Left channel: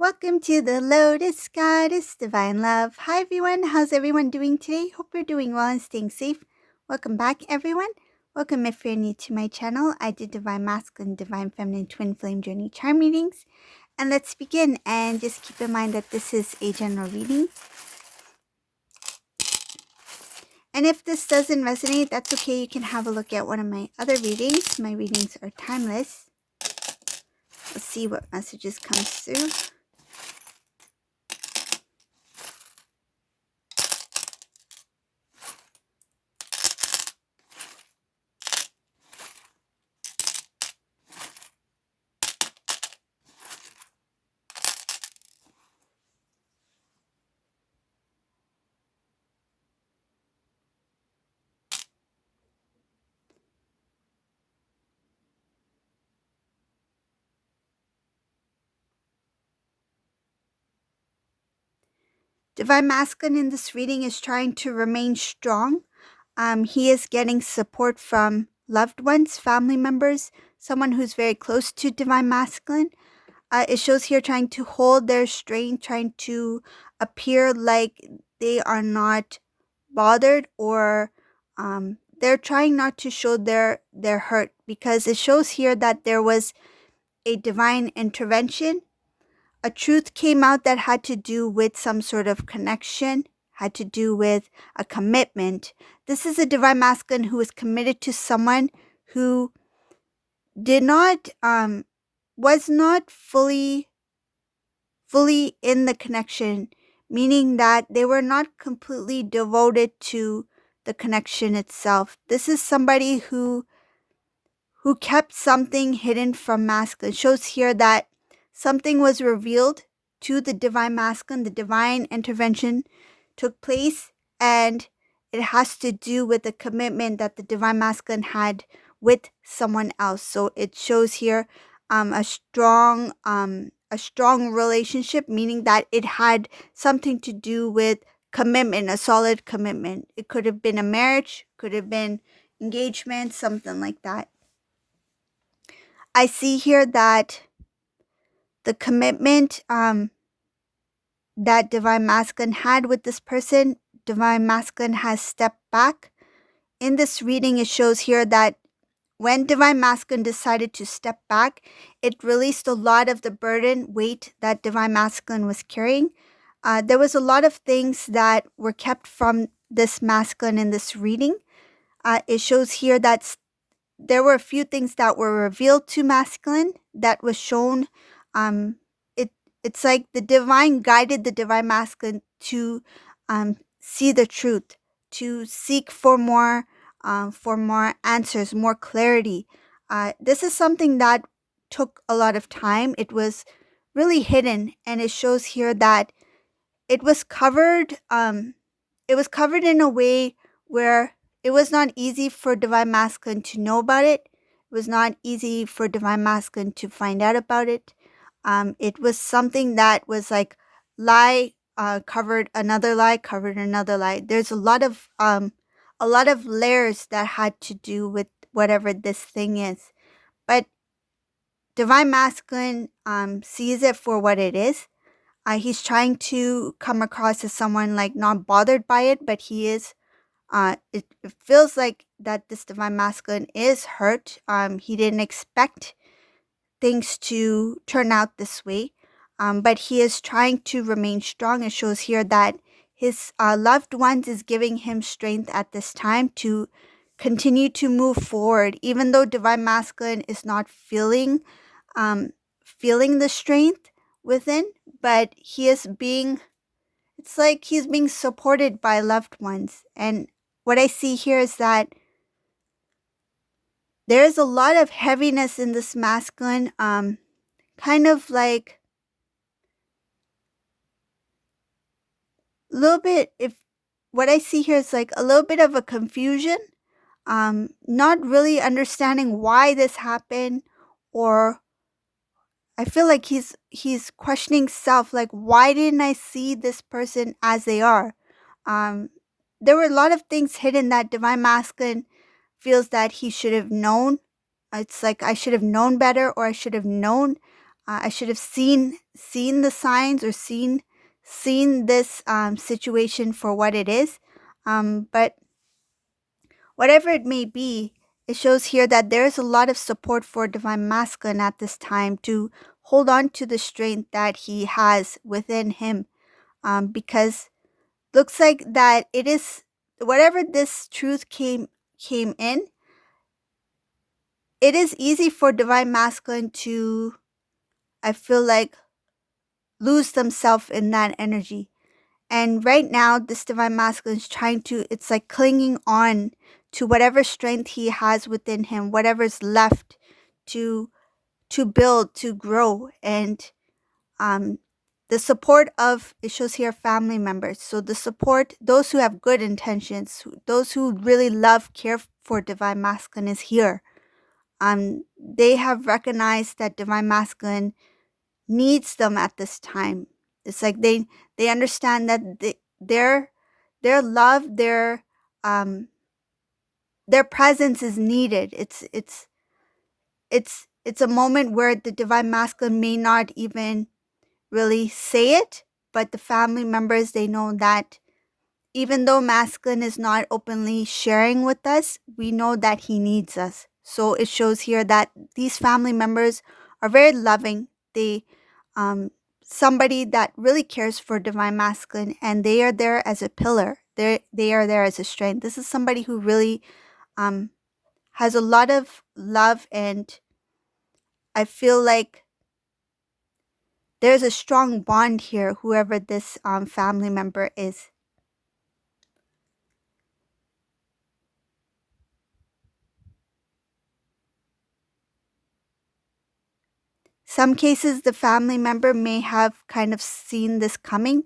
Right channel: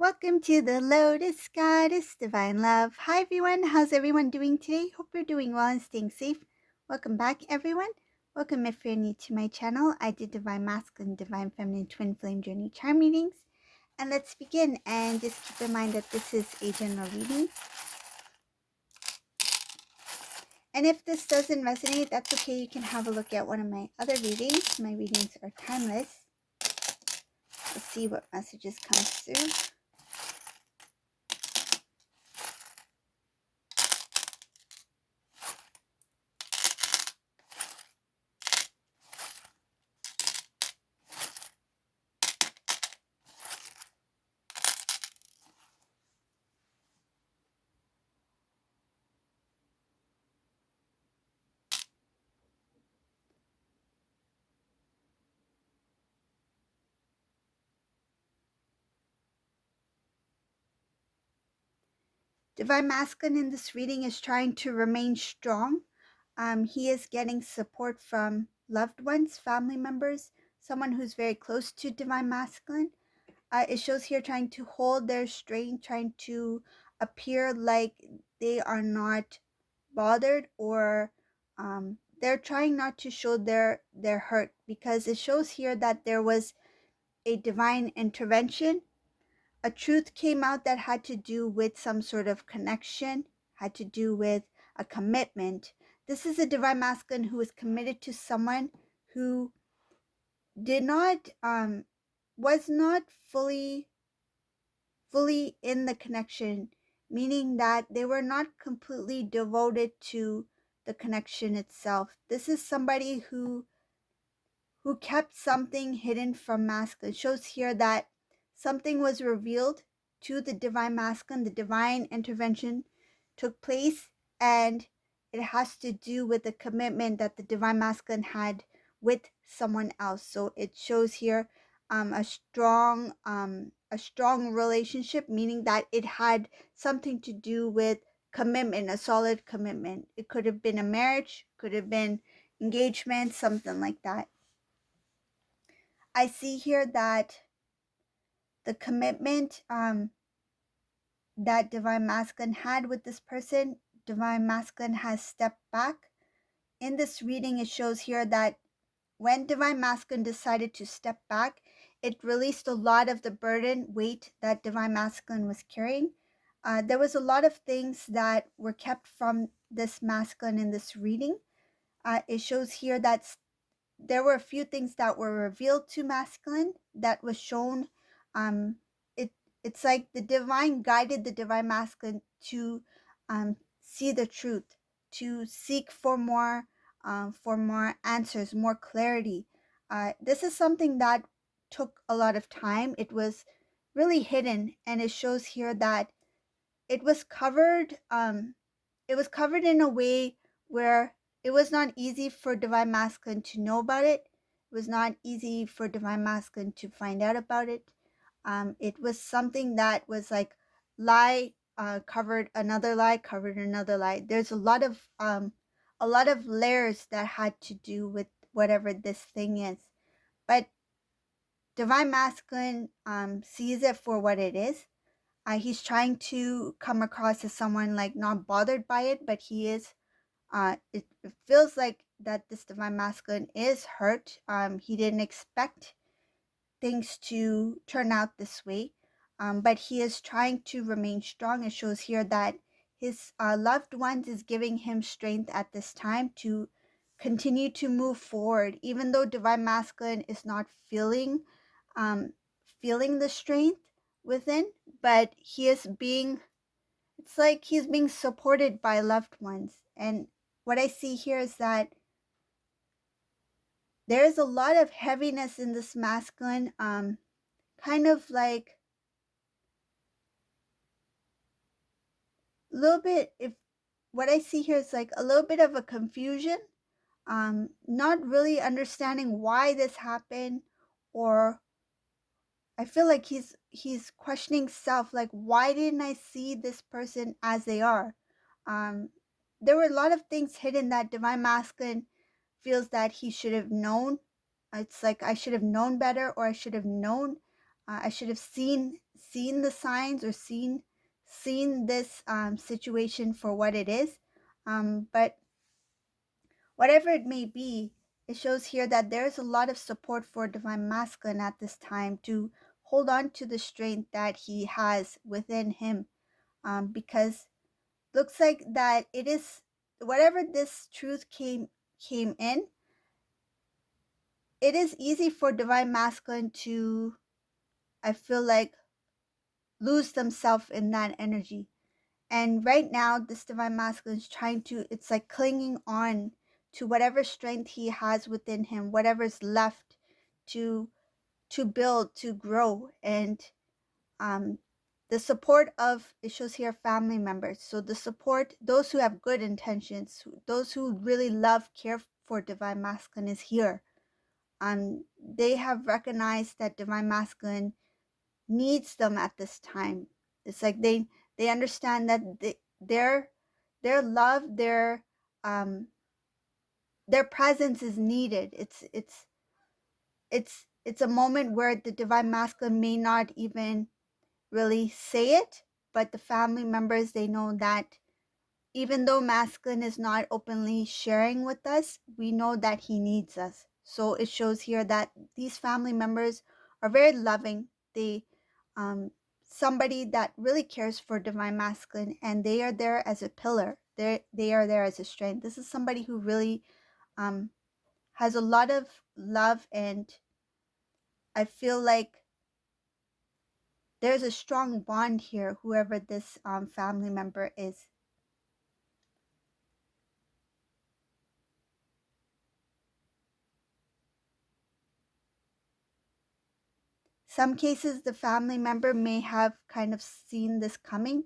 Welcome to the Lotus Goddess Divine Love. Hi everyone, how's everyone doing today? Hope you're doing well and staying safe. Welcome back everyone. Welcome if you're new to my channel. I do Divine Masculine, Divine Feminine, Twin Flame Journey Charm readings. And let's begin, and just keep in mind that this is a general reading. And if this doesn't resonate, that's okay. You can have a look at one of my other readings. My readings are timeless. Let's see what messages come through. Divine Masculine in this reading is trying to remain strong. He is getting support from loved ones, family members, someone who's very close to Divine Masculine. It shows here trying to hold their strength, trying to appear like they are not bothered, or they're trying not to show their hurt, because it shows here that there was a divine intervention. A truth came out that had to do with some sort of connection, had to do with a commitment. This is a divine masculine who is committed to someone who did not was not fully in the connection, meaning that they were not completely devoted to the connection itself. This is somebody who kept something hidden from masculine. It shows here that something was revealed to the divine masculine, the divine intervention took place, and it has to do with the commitment that the divine masculine had with someone else. So it shows here a strong relationship, meaning that it had something to do with commitment, a solid commitment. It could have been a marriage, could have been engagement, something like that. I see here that the commitment that Divine Masculine had with this person, Divine Masculine has stepped back. In this reading, it shows here that when Divine Masculine decided to step back, it released a lot of the burden, weight that Divine Masculine was carrying. There was a lot of things that were kept from this masculine in this reading. It shows here that there were a few things that were revealed to masculine that was shown. um it's like the divine guided the divine masculine to see the truth, to seek for more answers, more clarity. This is something that took a lot of time. It was really hidden, and it shows here that it was covered. It was covered in a way where it was not easy for Divine Masculine to know about it. It was not easy for Divine Masculine to find out about it. It was something that was like lie covered another lie, covered another lie. There's a lot of layers that had to do with whatever this thing is. But Divine Masculine sees it for what it is. He's trying to come across as someone like not bothered by it, but he is. It feels like that this divine masculine is hurt. He didn't expect things to turn out this way, but he is trying to remain strong. It shows here that his loved ones is giving him strength at this time to continue to move forward, even though divine masculine is not feeling the strength within, but he is being, it's like he's being supported by loved ones. And what I see here is that there is a lot of heaviness in this masculine, kind of like a little bit, if what I see here is like a little bit of a confusion, not really understanding why this happened, or I feel like he's questioning self, like why didn't I see this person as they are? Um, there were a lot of things hidden that divine masculine feels that he should have known. It's like I should have known better, or I should have known. I should have seen the signs, or seen this situation for what it is. But whatever it may be, it shows here that there is a lot of support for Divine Masculine at this time to hold on to the strength that he has within him. Because looks like that it is, whatever this truth came in, it is easy for Divine Masculine to, I feel like, lose themselves in that energy. And right now, this Divine Masculine is trying to, it's like clinging on to whatever strength he has within him, whatever's left to build, to grow. And um the support of, it shows here, family members. So the support, those who have good intentions, those who really love, care for Divine Masculine is here. They have recognized that Divine Masculine needs them at this time. It's like they understand that their love, um their presence is needed. It's a moment where the Divine Masculine may not even really say it, but the family members, they know that even though Masculine is not openly sharing with us, we know that he needs us. So it shows here that these family members are very loving. They um somebody that really cares for Divine Masculine, and they are there as a pillar. They are there as a strength. This is somebody who really um has a lot of love, and I feel like there's a strong bond here, whoever this family member is. Some cases, the family member may have kind of seen this coming.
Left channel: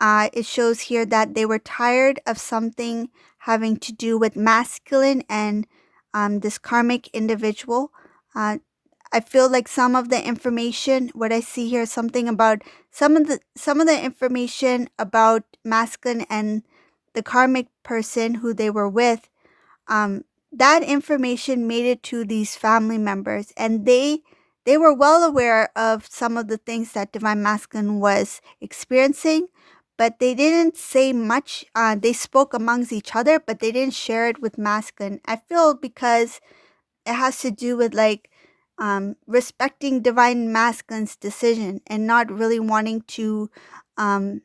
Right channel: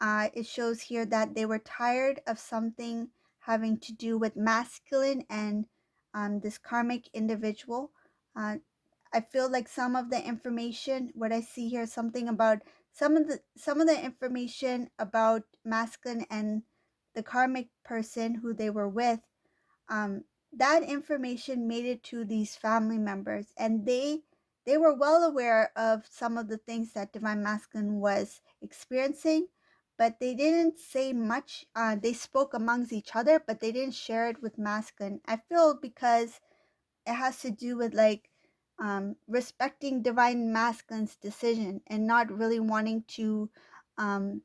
It shows here that they were tired of something having to do with masculine and this karmic individual. Uh, I feel like some of the information, what I see here, something about some of the information about masculine and the karmic person who they were with, um, that information made it to these family members, and they were well aware of some of the things that Divine Masculine was experiencing, but they didn't say much. They spoke amongst each other, but they didn't share it with Masculine. I feel because it has to do with like respecting Divine Masculine's decision and not really wanting to um,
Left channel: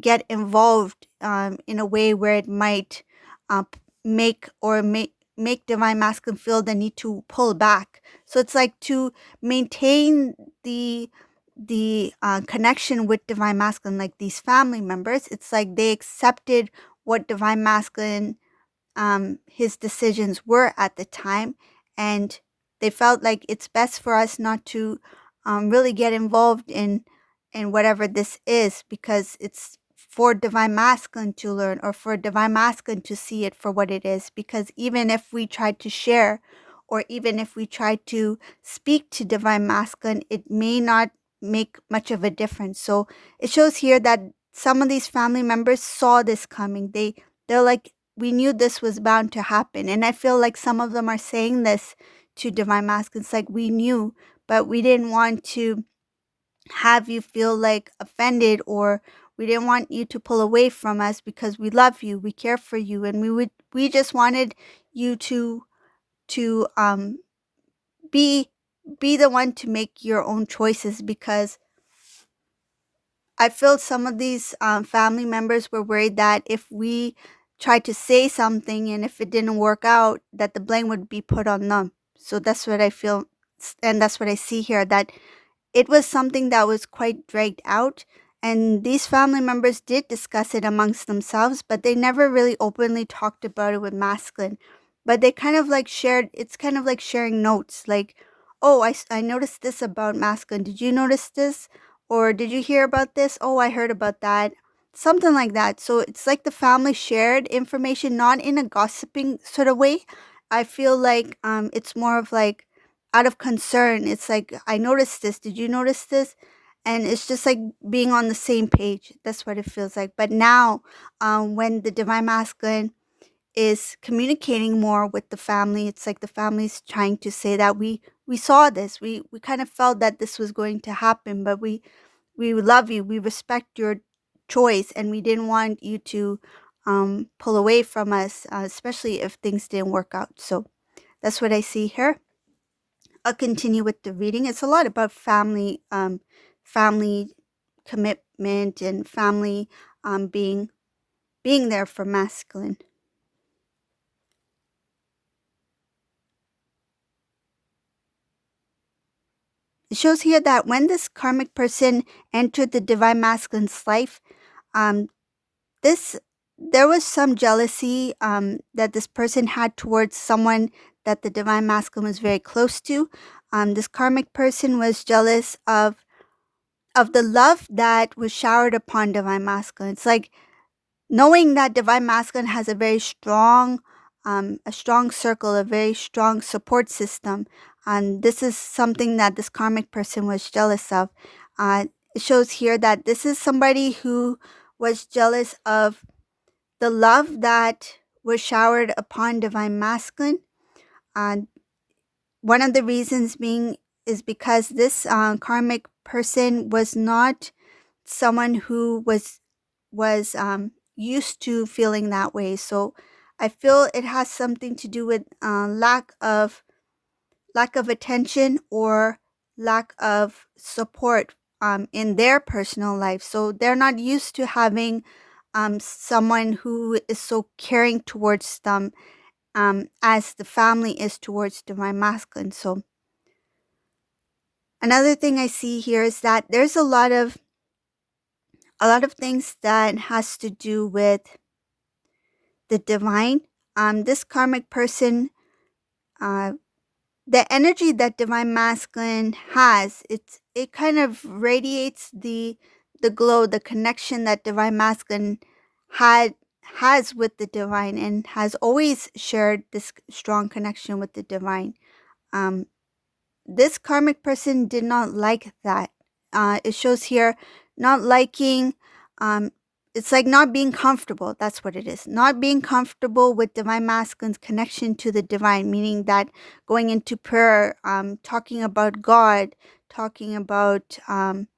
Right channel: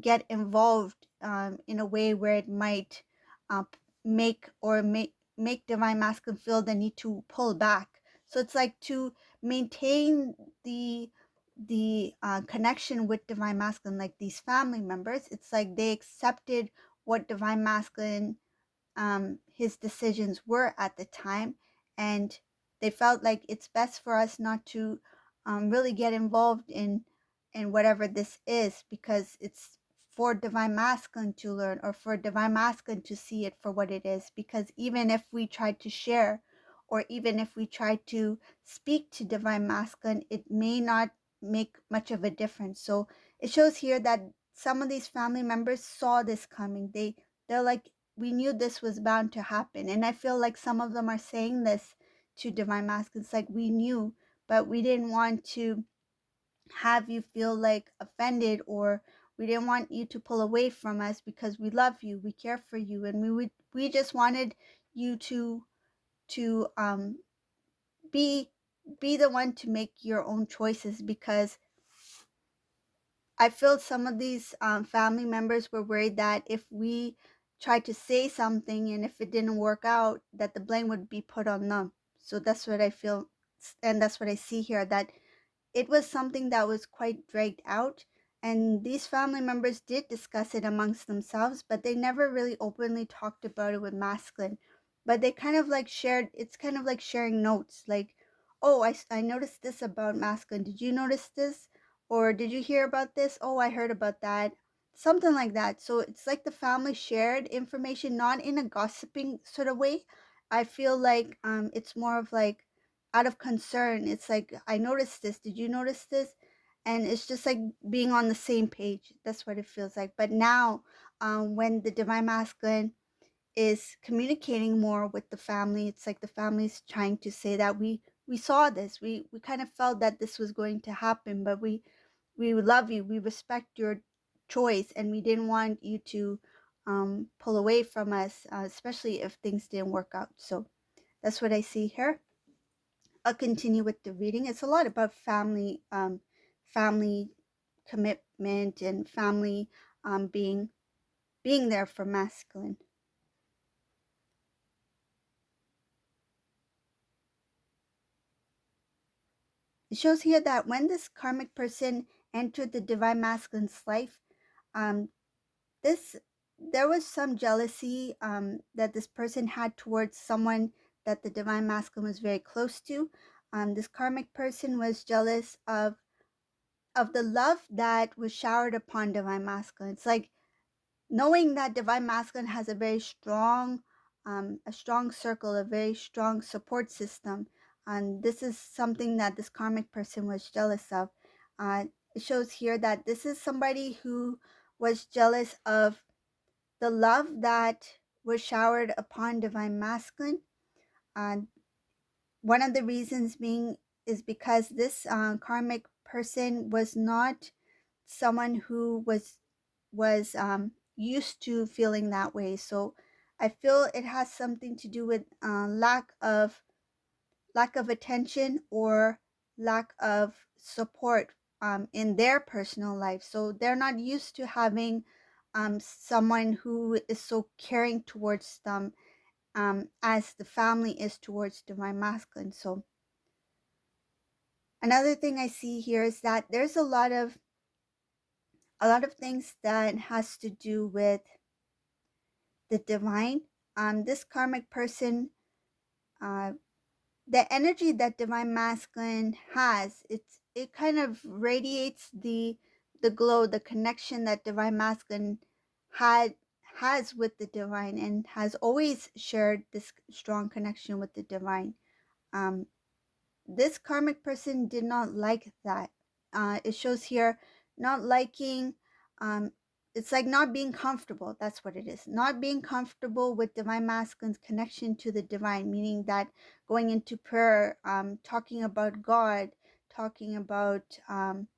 get involved in a way where it might make Divine Masculine feel the need to pull back. So it's like to maintain the connection with Divine Masculine, like these family members. It's like they accepted what Divine Masculine, his decisions were at the time, and they felt like it's best for us not to really get involved in whatever this is, because it's for Divine Masculine to learn, or for Divine Masculine to see it for what it is. Because even if we try to share, or even if we try to speak to Divine Masculine, it may not make much of a difference. So it shows here that some of these family members saw this coming. They're like, we knew this was bound to happen. And I feel like some of them are saying this to Divine Masculine. It's like, we knew, but we didn't want to have you feel like offended, or we didn't want you to pull away from us, because we love you, we care for you, and we just wanted you to be the one to make your own choices. Because I feel some of these family members were worried that if we tried to say something and if it didn't work out, that the blame would be put on them. So that's what I feel, and that's what I see here, that it was something that was quite dragged out, and these family members did discuss it amongst themselves, but they never really openly talked about it with Masculine. But they kind of like shared, it's kind of like sharing notes, like, oh, I noticed this about Masculine. Did you notice this? Or did you hear about this? Oh, I heard about that. Something like that. So it's like the family shared information, not in a gossiping sort of way. I feel like it's more of like out of concern. It's like, I noticed this. Did you notice this? And it's just like being on the same page. That's what it feels like. But now, when the Divine Masculine is communicating more with the family. It's like the family's trying to say that we saw this. We kind of felt that this was going to happen, but we love you. We respect your choice, and we didn't want you to pull away from us, especially if things didn't work out. So that's what I see here. I'll continue with the reading. It's a lot about family commitment and family being there for masculine. It shows here that when this karmic person entered the divine masculine's life, um, this there was some jealousy that this person had towards someone that the divine masculine was very close to. This karmic person was jealous of the love that was showered upon divine masculine. It's like knowing that divine masculine has a strong circle, a very strong support system. And this is something that this karmic person was jealous of. It shows here that this is somebody who was jealous of the love that was showered upon divine masculine. And one of the reasons being is because this karmic person was not someone who was used to feeling that way. So I feel it has something to do with lack of attention or lack of support in their personal life. So they're not used to having someone who is so caring towards them as the family is towards divine masculine. So another thing I see here is that there's a lot of things that has to do with the divine. This karmic person, uh, the energy that divine masculine has, it kind of radiates the glow, the connection that divine masculine had has with the divine and has always shared this strong connection with the divine. Um, this karmic person did not like that. It shows here not liking, um, it's like not being comfortable. That's what it is. Not being comfortable with divine masculine's connection to the divine, meaning that going into prayer, talking about God, talking about um,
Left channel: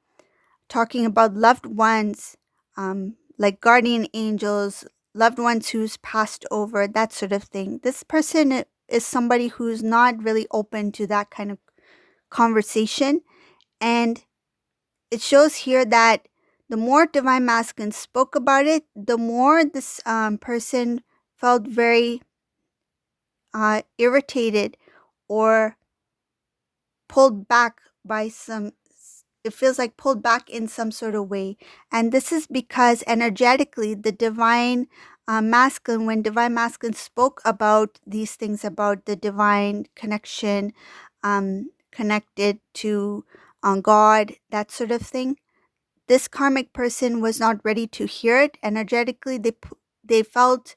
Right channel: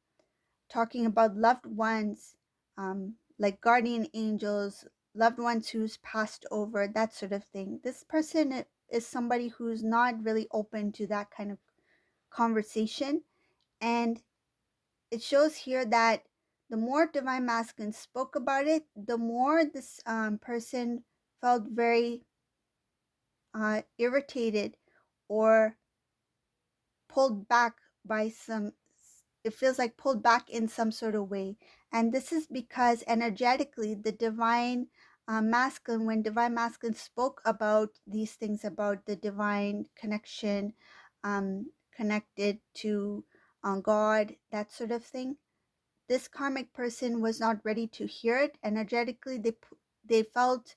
talking about loved ones, like guardian angels, loved ones who's passed over, that sort of thing. This person is somebody who's not really open to that kind of conversation. And it shows here that the more divine masculine spoke about it, the more this person felt very irritated or pulled back by some, it feels like pulled back in some sort of way. And this is because energetically the divine masculine, when divine masculine spoke about these things, about the divine connection, connected to God, that sort of thing, this karmic person was not ready to hear it energetically. They felt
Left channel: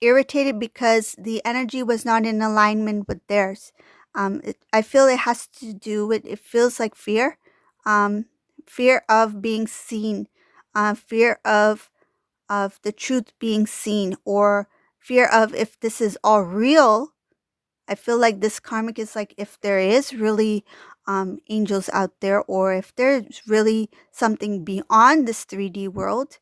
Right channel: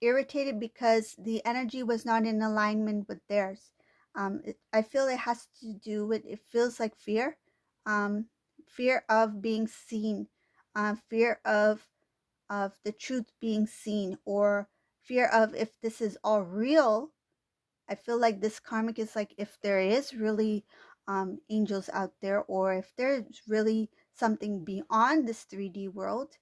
irritated because the energy was not in alignment with theirs. I feel it has to do with, it feels like fear, um, fear of being seen, fear of the truth being seen, or fear of if this is all real. I feel like this karmic is like if there is really angels out there, or if there's really something beyond this 3D world,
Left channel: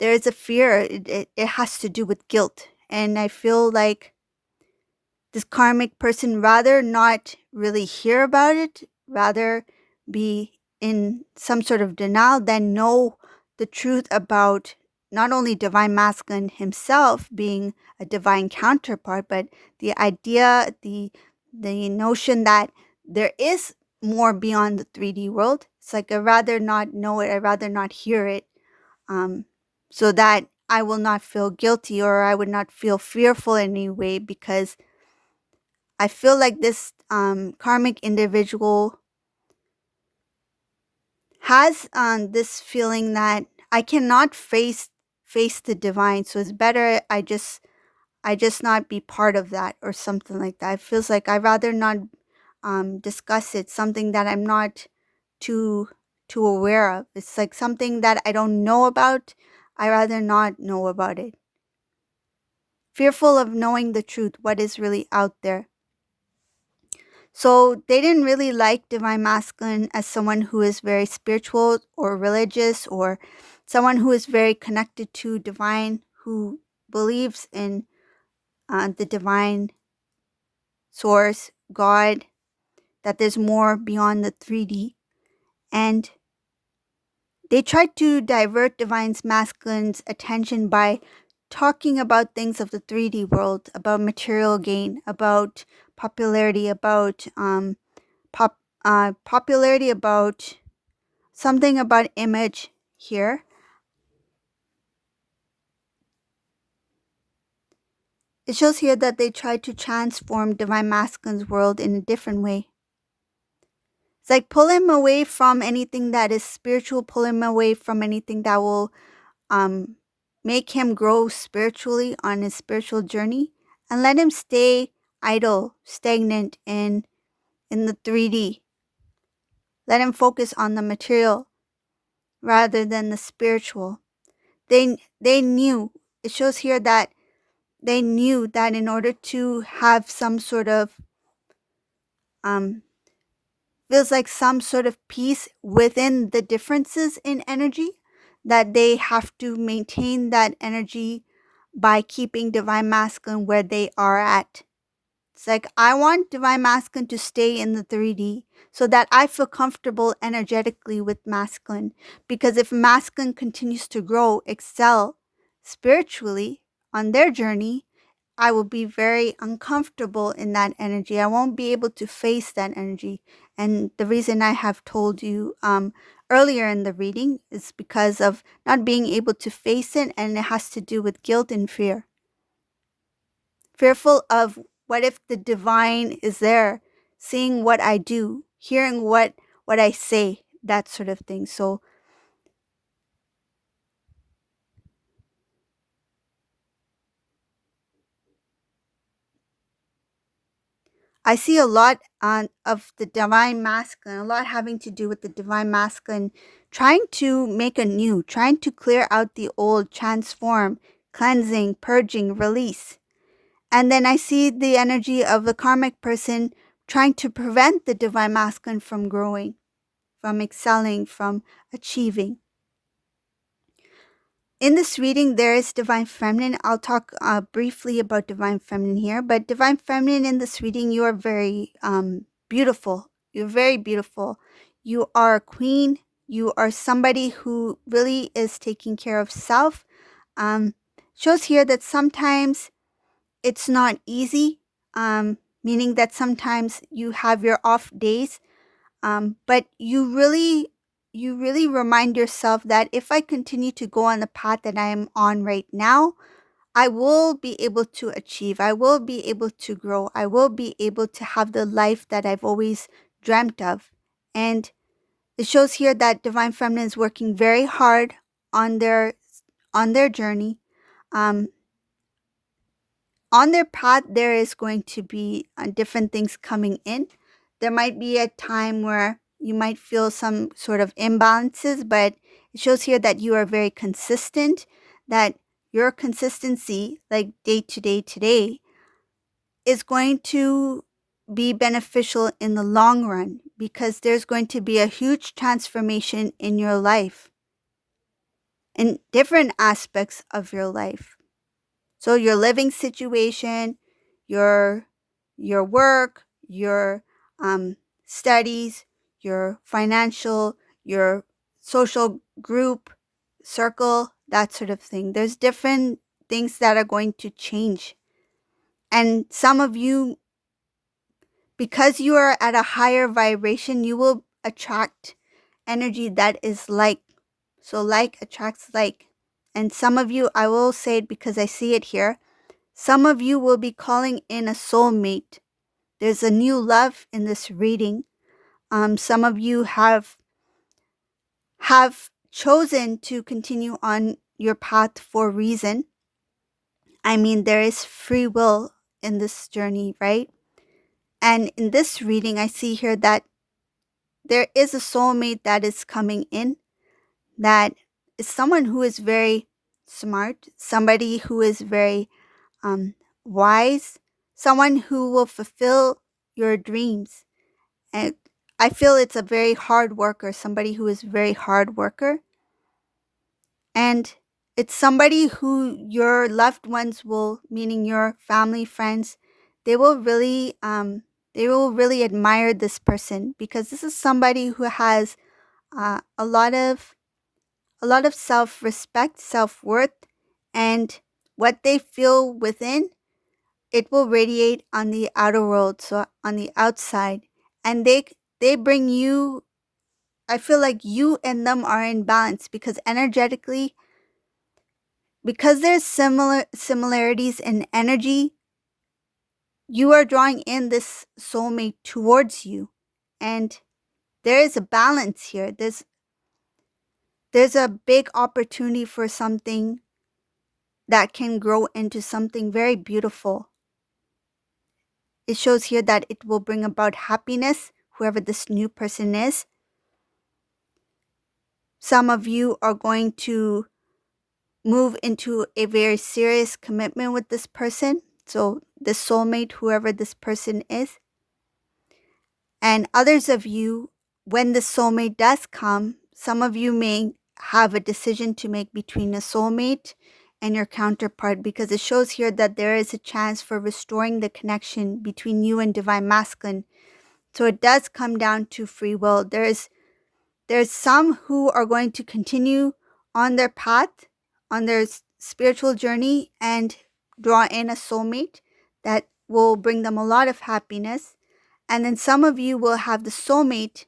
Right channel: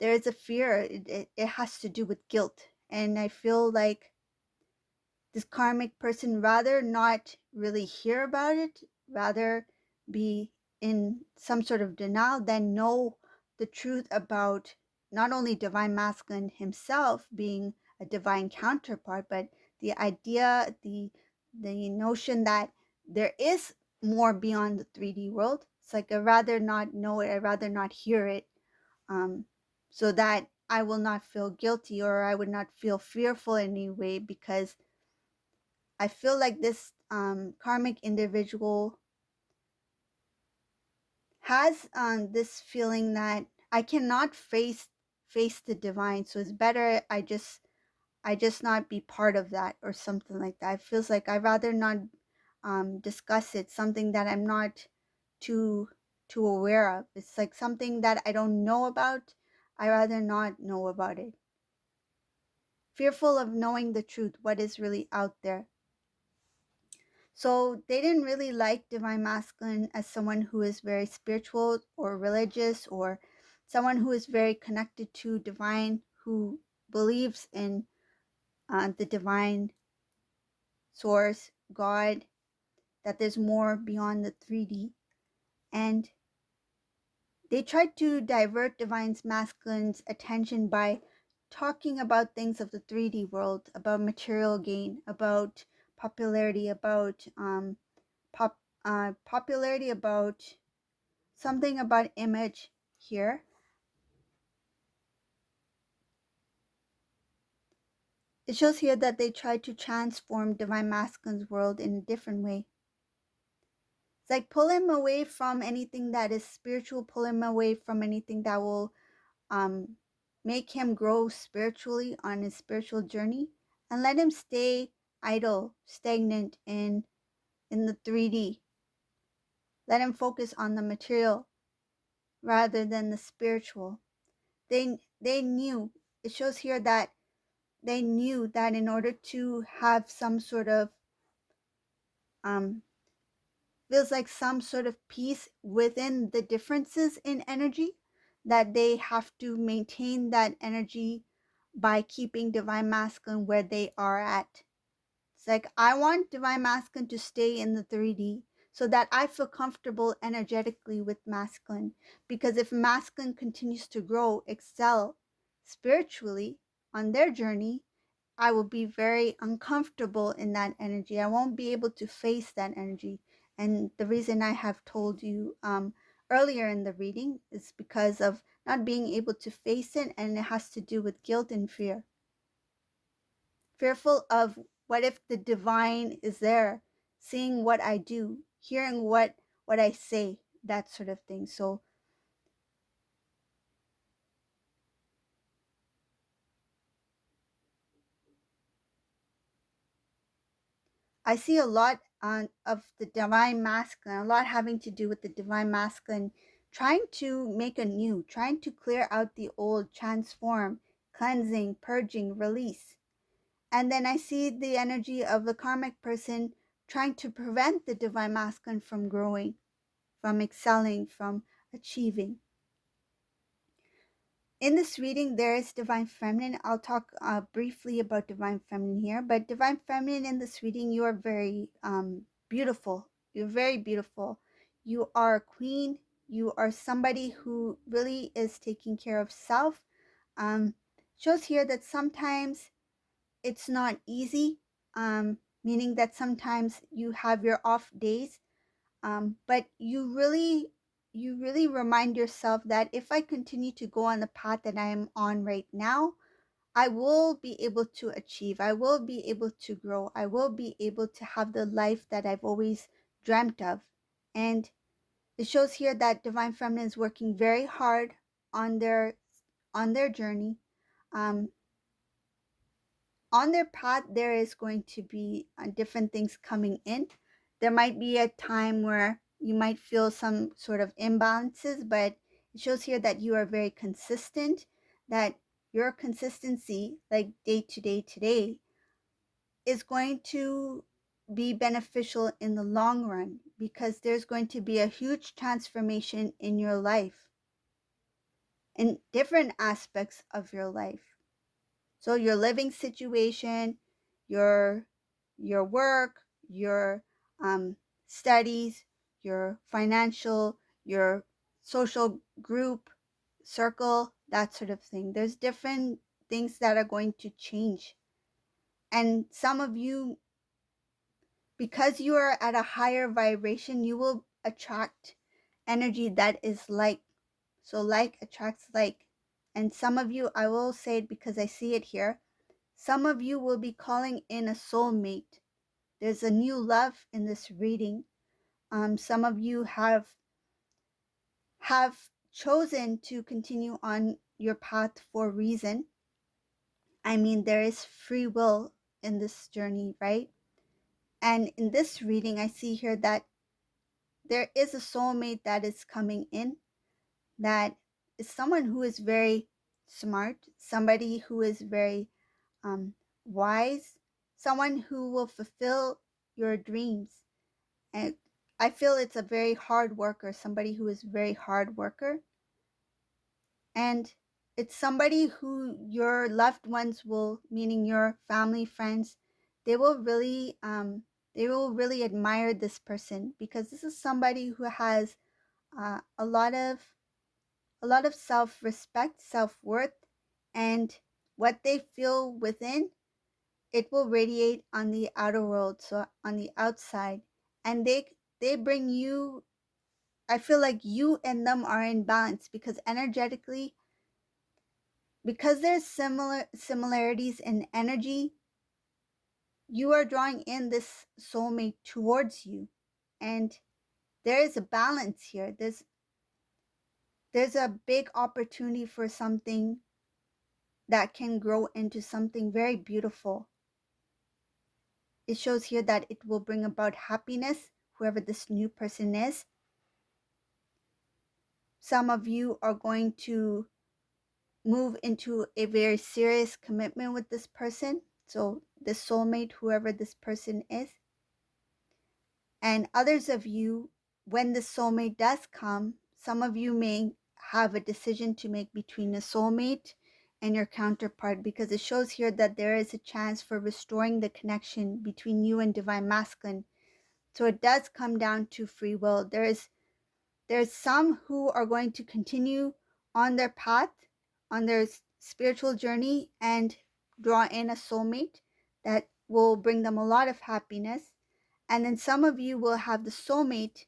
there is a fear. It has to do with guilt. And I feel like this karmic person rather not really hear about it, rather be in some sort of denial than know the truth about not only divine masculine himself being a divine counterpart, but the idea, the notion that there is more beyond the 3D world. It's like I rather not know it, I rather not hear it, um, so that I will not feel guilty or I would not feel fearful in any way, because I feel like this karmic individual has this feeling that I cannot face the divine, so it's better I just not be part of that or something like that. It feels like I'd rather not discuss it, something that I'm not too too aware of. It's like something that I don't know about. I rather not know about it. fearful of knowing the truth, what is really out there. So they didn't really like Divine Masculine as someone who is very spiritual or religious, or someone who is very connected to divine, who believes in the divine source, God, that there's more beyond the 3D. And they tried to divert Divine Masculine's attention by talking about things of the 3D world, about material gain, about popularity, about popularity, about something about image here. It shows here that they tried to transform Divine Masculine's world in a different way. It's like pull him away from anything that is spiritual, pull him away from anything that will um, make him grow spiritually on his spiritual journey, and let him stay idle, stagnant in the 3D. Let him focus on the material rather than the spiritual. They knew, it shows here that they knew that in order to have some sort of um feels like some sort of peace within the differences in energy, that they have to maintain that energy by keeping Divine Masculine where they are at. It's like, I want Divine Masculine to stay in the 3D so that I feel comfortable energetically with Masculine. Because if Masculine continues to grow, excel spiritually on their journey, I will be very uncomfortable in that energy. I won't be able to face that energy. And the reason I have told you earlier in the reading is because of not being able to face it, and it has to do with guilt and fear. Fearful of what if the divine is there, seeing what I do, hearing what I say, that sort of thing. So I see a lot of the divine masculine, a lot having to do with the divine masculine, trying to make a new, trying to clear out the old, transform, cleansing, purging, release. And then I see the energy of the karmic person trying to prevent the divine masculine from growing, from excelling, from achieving. In this reading, there is Divine Feminine. I'll talk briefly about Divine Feminine here. But Divine Feminine, in this reading, you are very beautiful. You're very beautiful. You are a queen. You are somebody who really is taking care of self. Shows here that sometimes it's not easy, meaning that sometimes you have your off days, but you really remind yourself that if I continue to go on the path that I am on right now, I will be able to achieve. I will be able to grow. I will be able to have the life that I've always dreamt of. And it shows here that Divine Feminine is working very hard on their journey. Um, on their path, there is going to be different things coming in. There might be a time where you might feel some sort of imbalances, but it shows here that you are very consistent, that your consistency, like day to day today, is going to be beneficial in the long run, because there's going to be a huge transformation in your life, in different aspects of your life. So your living situation, your your work, your studies, your financial, your social group, circle, that sort of thing. There's different things that are going to change. And some of you, because you are at a higher vibration, you will attract energy that is like. So like attracts like. And some of you, I will say it because I see it here, some of you will be calling in a soulmate. There's a new love in this reading. Some of you have chosen to continue on your path for a reason. I mean, there is free will in this journey, right? And in this reading, I see here that there is a soulmate that is coming in, that is someone who is very smart, somebody who is very um, wise, someone who will fulfill your dreams. And I feel it's a very hard worker, somebody who is very hard worker. And it's somebody who your loved ones will, meaning your family, friends, they will really they will really admire this person, because this is somebody who has a lot of self-respect, self-worth, and what they feel within, it will radiate on the outer world, so on the outside. And they bring you, I feel like you and them are in balance, because energetically, because there's similarities in energy, you are drawing in this soulmate towards you. And there is a balance here. There's a big opportunity for something that can grow into something very beautiful. It shows here that it will bring about happiness, whoever this new person is. Some of you are going to move into a very serious commitment with this person. So, the soulmate, whoever this person is. And others of you, when the soulmate does come, some of you may have a decision to make between a soulmate and your counterpart, because it shows here that there is a chance for restoring the connection between you and Divine Masculine. So it does come down to free will. There's some who are going to continue on their path, on their spiritual journey, and draw in a soulmate that will bring them a lot of happiness. And then some of you will have the soulmate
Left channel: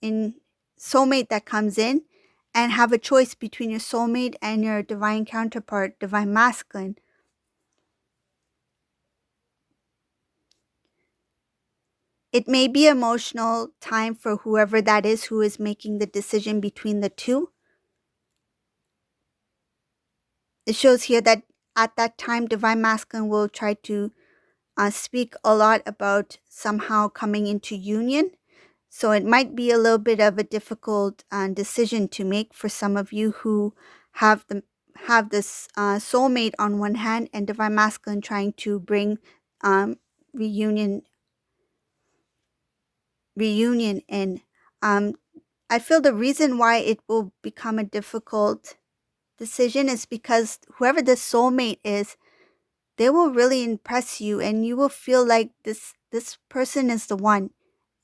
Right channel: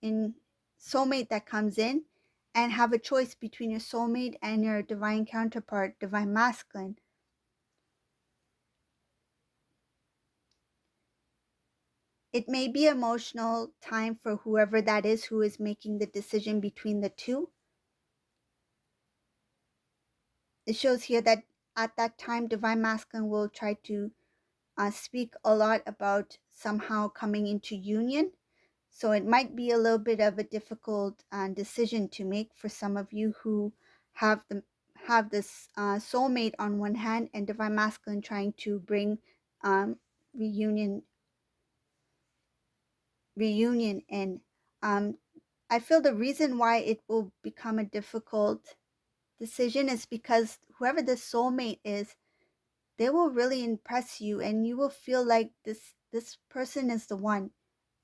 that comes in, and have a choice between your soulmate and your divine counterpart, Divine Masculine. It may be emotional time for whoever that is who is making the decision between the two. It shows here that at that time, Divine Masculine will try to speak a lot about somehow coming into union. So it might be a little bit of a difficult decision to make for some of you who have this soulmate on one hand, and Divine Masculine trying to bring um, reunion in. I feel the reason why it will become a difficult decision is because whoever the soulmate is, they will really impress you, and you will feel like this person is the one.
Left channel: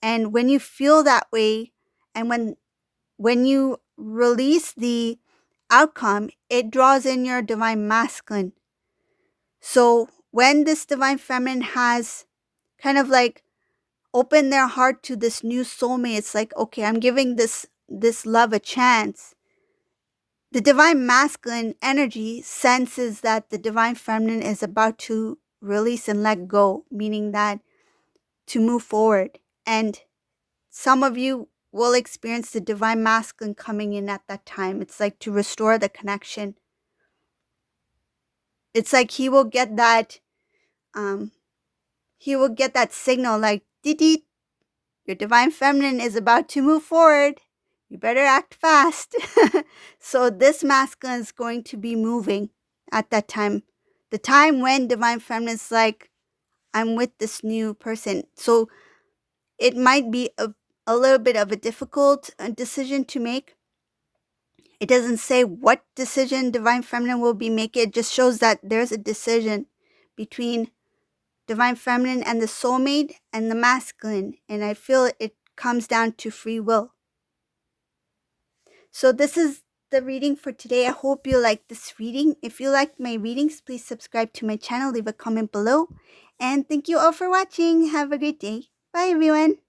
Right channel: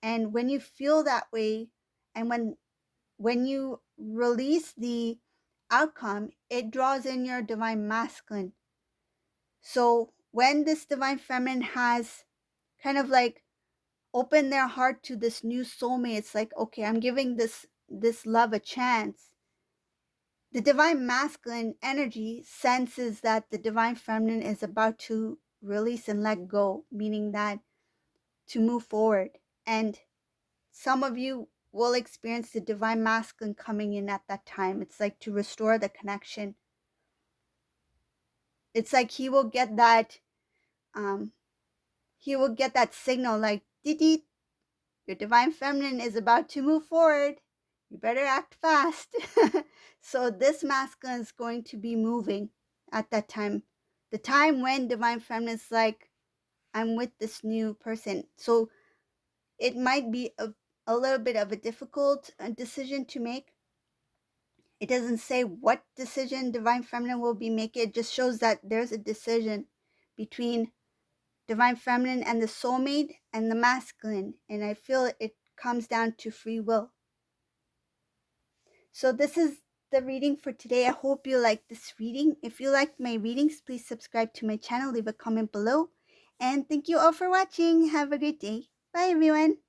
And when you feel that way, and when you release the outcome, it draws in your Divine Masculine. So when this Divine Feminine has kind of like opened their heart to this new soulmate, it's like, okay, I'm giving this love a chance. The Divine Masculine energy senses that the Divine Feminine is about to release and let go, meaning that to move forward. And some of you will experience the Divine Masculine coming in at that time. It's like to restore the connection. It's like he will get that signal like, dee, your Divine Feminine is about to move forward. You better act fast. So this masculine is going to be moving at that time. The time when Divine Feminine is like, I'm with this new person. So it might be a little bit of a difficult decision to make. It doesn't say what decision Divine Feminine will be making. It just shows that there's a decision between Divine Feminine and the soulmate and the masculine. And I feel it comes down to free will. So this is the reading for today. I hope you like this reading. If you liked my readings, please subscribe to my channel, leave a comment below. And thank you all for watching. Have a great day. Bye everyone.